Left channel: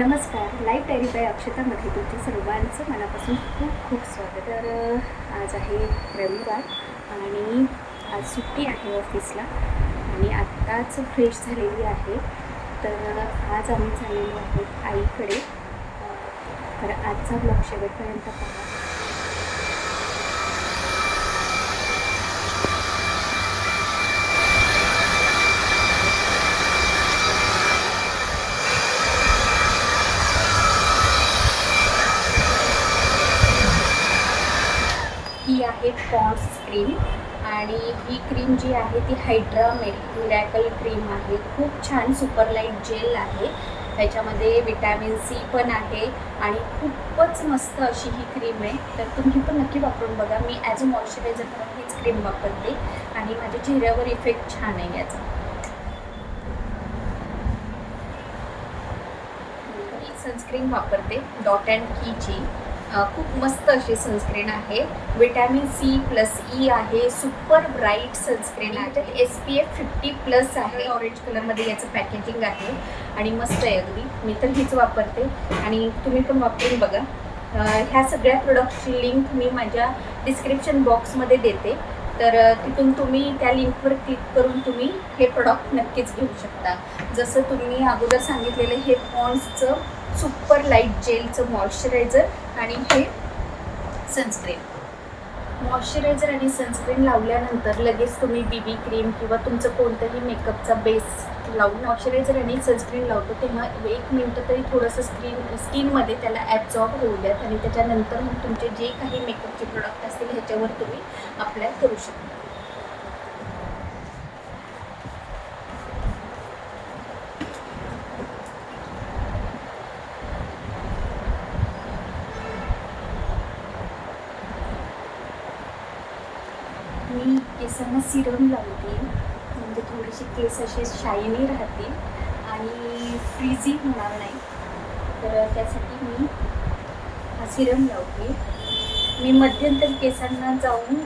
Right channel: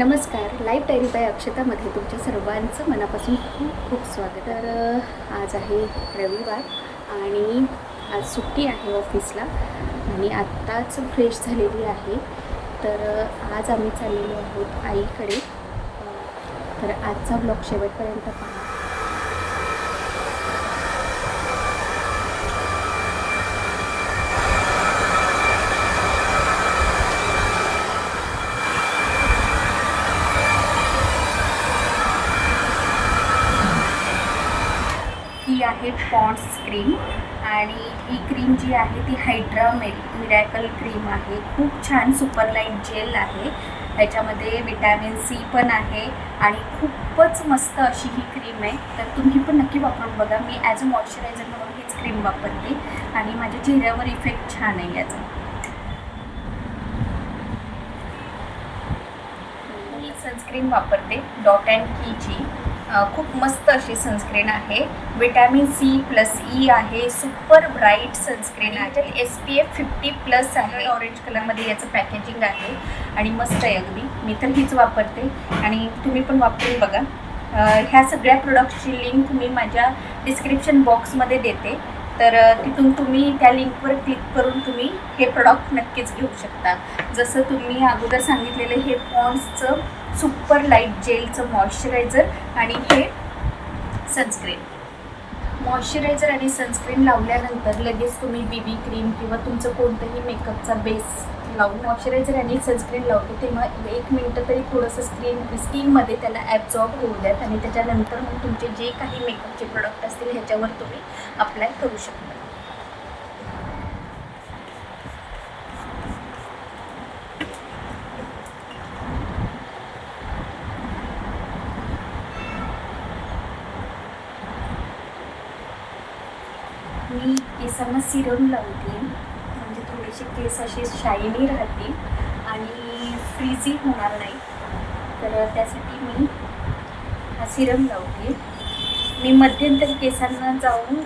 नमस्कार, life diary bye अक्षतामध्ये तुमच्या सर्वांचं मनापासून खूप खूप स्वागत. तर आज आहे रविवार आणि आज सुट्टी आहे ऑफिसला आणि आत्ताच फ्रेश झालेली आहे. तर आज आम्ही चाललेलो आहोत आईकडे. तर आजचा ब्लॉग शेवटपर्यंत पहा. ही आहे पॉन्ड्स क्रीम आणि ही क्रीम जी आहे ती हायड्रा मिरॅकल क्रीम आहे. खूप छान सुपरलाईट जेल आहे. ह्याच्यामध्ये विटॅमिन सी पण आहे आणि खूपच मस्त अशी ही क्रीम आहे. तर तुम्ही पण नक्की वापरून बघा. मी ॲज अ मॉइश्चरायझर म्हणून हीच क्रीम वापरते आणि माझ्या चेहऱ्यावर इफेक्ट छान आहे याचा. मी सनस्क्रीन वापरते डॉट अँड कीची. खूप मस्त अशी सनस्क्रीन आहे. विटॅमिन सी प्लस ई आहे. सुपर ब्राईट सनस्क्रीन आहे. त्याच्यात SPF 50+ आहे. ऑरेंज कलरमध्ये याचं पॅकेजिंग आहे आणि मस्त आहे अगदी. मी तर हीच वापरते आणि तुम्ही पण वापरून बघा. ह्या सगळ्या प्रोडक्टची लिंक मी माझ्या डिस्क्रिप्शन बॉक्समध्ये देते. तर तिथून तुम्ही त्या लिंकवर क्लिक करून तुम्ही हे प्रोडक्ट नक्कीच घेऊ शकता. जसं तुम्ही अगोदर सांगितलेलं हे पॉन्ड्सचं सुपर लाईट जेलचं मॉइश्चरायझर आणि हे सनस्क्रीन. मॉइश्चरायझर आणि सनस्क्रीन लावल्यानंतर लगेच तुम्ही BB क्रीम किंवा तुमचं कोणतंही मेकअपचा बेस लावून मॉइश्चरायझर आणि सनस्क्रीन लावतो तेव्हा 1 मिनटं तरी थोडंसं स्किनमध्ये त्याला ॲब्झॉर्ब होऊ द्यात आणि त्याच्यानंतर मग तुमचे जे काही मेकअपचे प्रोडक्ट असतील ह्याच्यावर तुम्ही अप्लाय करू शकता. मी केसांना सिरम लावते म्हणजे थोडेसे केस असे शायनी राहतील आणि फ्रीझी होणार नाही. तर त्यासाठी मी हा सिरम लावते. मी मध्यंतरी केसांना जाऊन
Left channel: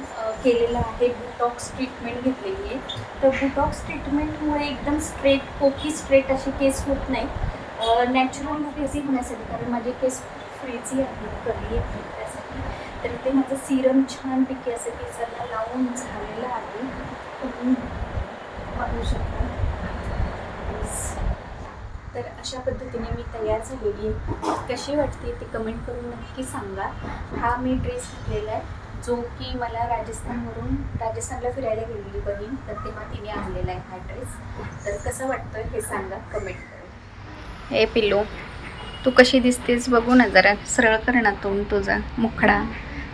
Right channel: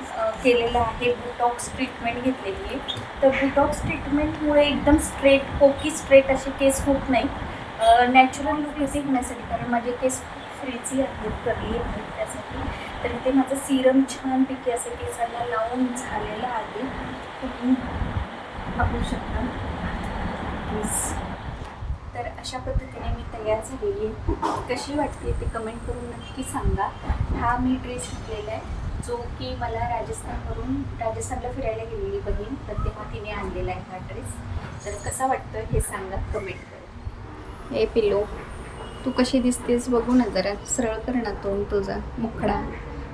केलेलं आहे बुटॉक्स ट्रीटमेंट घेतलेली आहे. तर बुटॉक्स ट्रीटमेंटमुळे एकदम स्ट्रेट पोकी स्ट्रेट असे केस होत नाहीत. नॅचरल फ्रीझी होण्यासाठी, कारण माझे केस खूप फ्रीझी आहेत, कर्ली आहेत त्यासाठी. तर इथे माझं सिरम छानपैकी असं केसांना लावून झालेलं आहे. तुम्ही पाहू शकता. तर अशा पद्धतीने मी तयार झालेली आहे. कशी वाटते ते कमेंट करून नक्की सांगा. हा मी ड्रेस घातलेला आहे जो की मला राजस्थानला फिरायला गेलेली बहीण, तर तेव्हा तिने आणलेला आहे हा ड्रेस. तर कसा वाटतोय हे सांगा कमेंट करून. ए पिल्लू, तू कशी दिसतेस बघू ना जरा. सरळ कर ना तोंड तुझा मुखडा.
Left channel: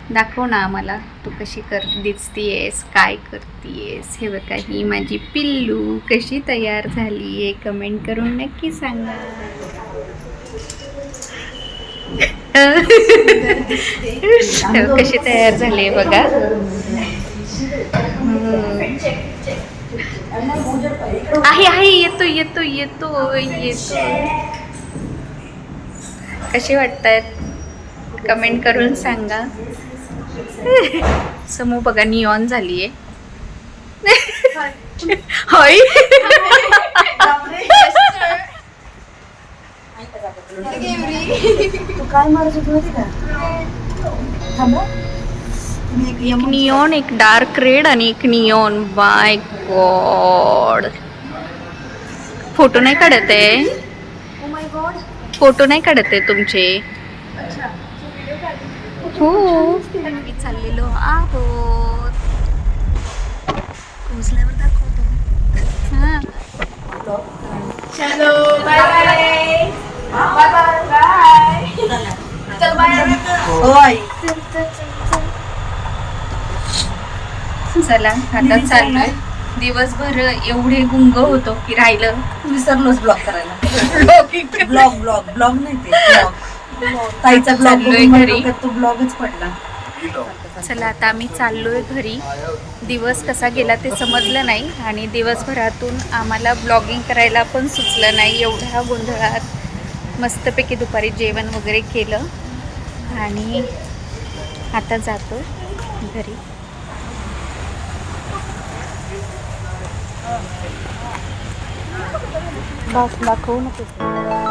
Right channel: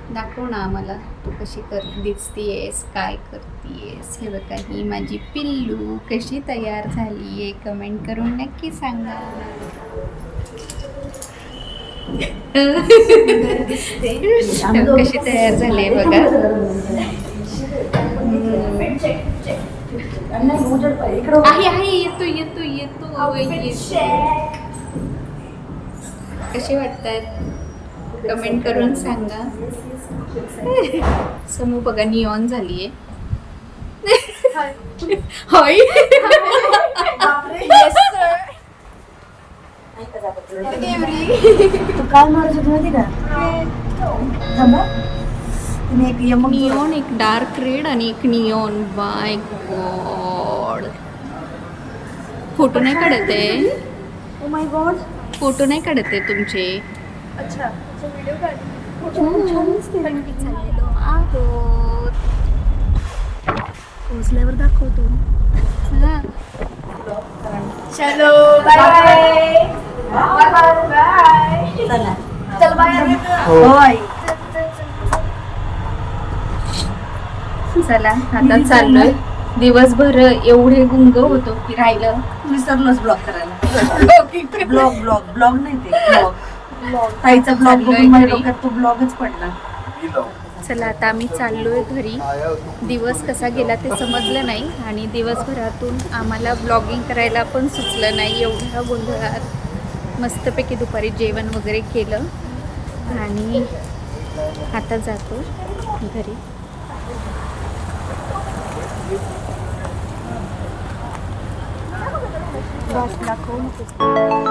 दाखव ना आम्हाला तू कशी दिसतीयेस, काय करतीयेस. हे बघा, ही माझी पिल्लू कशी तयार झाली आहे कमेंट करून नक्की सांगा. कशी तयार झाली आहे बघा. आहे येतो येतो येतो येतो. कशी वाटतायत कमेंट करून सांगा. समू बघा निऑन झाली आहे. होय एक निऑन, एक डार्क रेड आणि एक निऑन. बाय गॉड, फोटो नाही काढत आहे. फोटो नाही काढत आहे तुमचे. हो, आम्ही चाललेलो आहोत. पोचल्यावर दाखवतो. हां, चलो बाय बाय. चल बाय. चला आता चाललोय. दिवसभर एवढे गुंग होतो की राहिलं, विसरलोच ब्लॉग करायला. ब्लॉग नाही ते ताईचा चाललोय घरी. तो ब्लॉगच पडला. चला आता आम्ही चाललोय घरी. दिवस कसा गेला ते समजलं नाही आणि दिवसभरातून आम्हाला ब्लॉगिंग करायला पण सुचलं नाही. एवढ्या गोंधळात मस्तपैकी दुपारी जेवण वगैरे केलं आणि आता जातो घरी. बॉस दाखवू नको.